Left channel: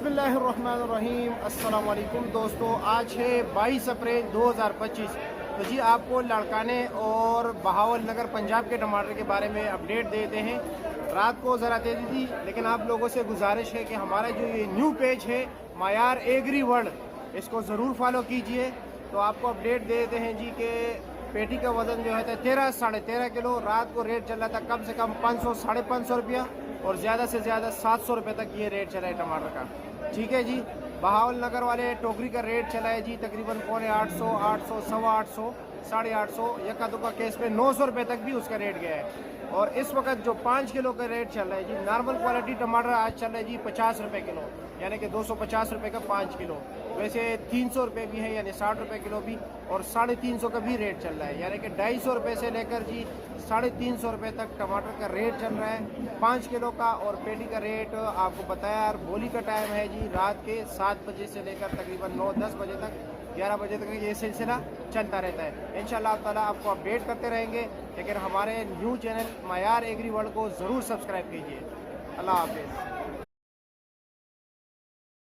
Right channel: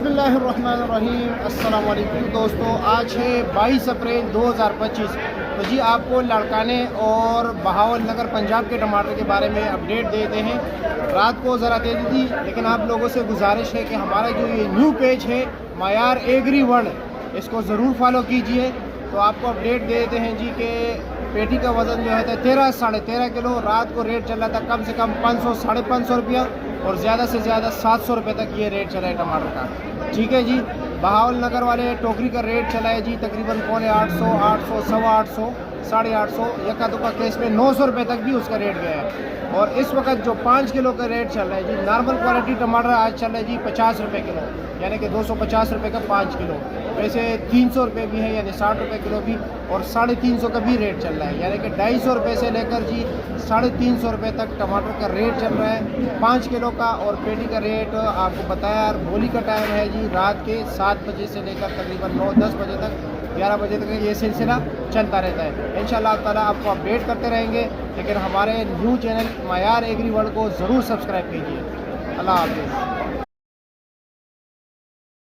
बिस्मिल्लाहिर्रहमानिर्रहीम। अस्सलाम वालेकुम दोस्तों, आज है 22 अप्रैल 2025। तो जी आपको लाड़काने और बहावल नगर पंजाब के टमाटर के बारे में अपडेट देते हैं। रात को ज़रा दे दी थी, लेकिन आप लोगों से गुजारिश है कि हमारा जो ये न्यू पेज है मायार एग्री वर्ल्ड, इसको ज़रूर फॉलो कीजिए। तो आपको अपडेट दे देते हैं जी कि पेटी का वज़न जो है 13 साढ़े 13 किलो। रात को रेट चल रहा था कम से कम 500 साढ़े 500 रुपया, और ज़्यादा से ज़्यादा 700 रुपये तक ये रेट चला है टमाटर का। ठीक है जी। बहावल नगर वाले टोकरी का रेट चला है जी तकरीबन 850, 800, 850, 850, यका दुका केस में 900 रुपये तक भी उसका रेट गया है। और इस वक्त जो 5 किलो का रेट चल रहा है जी, नॉर्मल क्वालिटी टमाटर आज चल रहा है जी 50 रुपये किलो, यानी कि 250 रुपये का 5 किलो। वैसे 300 रुपये भी है, यानी 60 रुपये किलो भी, और 350 का भी रेट चल रहा है, यानी कि 250 रुपये से लेकर जी 350 रुपये तक टमाटर का रेट चल रहा है 5 किलो का। और पेटी का रेट आपको बताया, और बोली का टाइम है जी रात के 7 बजे से लेकर तकरीबन 9-10 बजे तक, 11 बजे तक ये सिलसिला चलता रहता है। इंशाअल्लाह ताला आपको अपडेट करते रहेंगे, लेकिन हमारे न्यू चैनल मायार एग्री वर्ल्ड को ज़रूर सब्सक्राइब कीजिए। अल्लाह हाफ़िज़।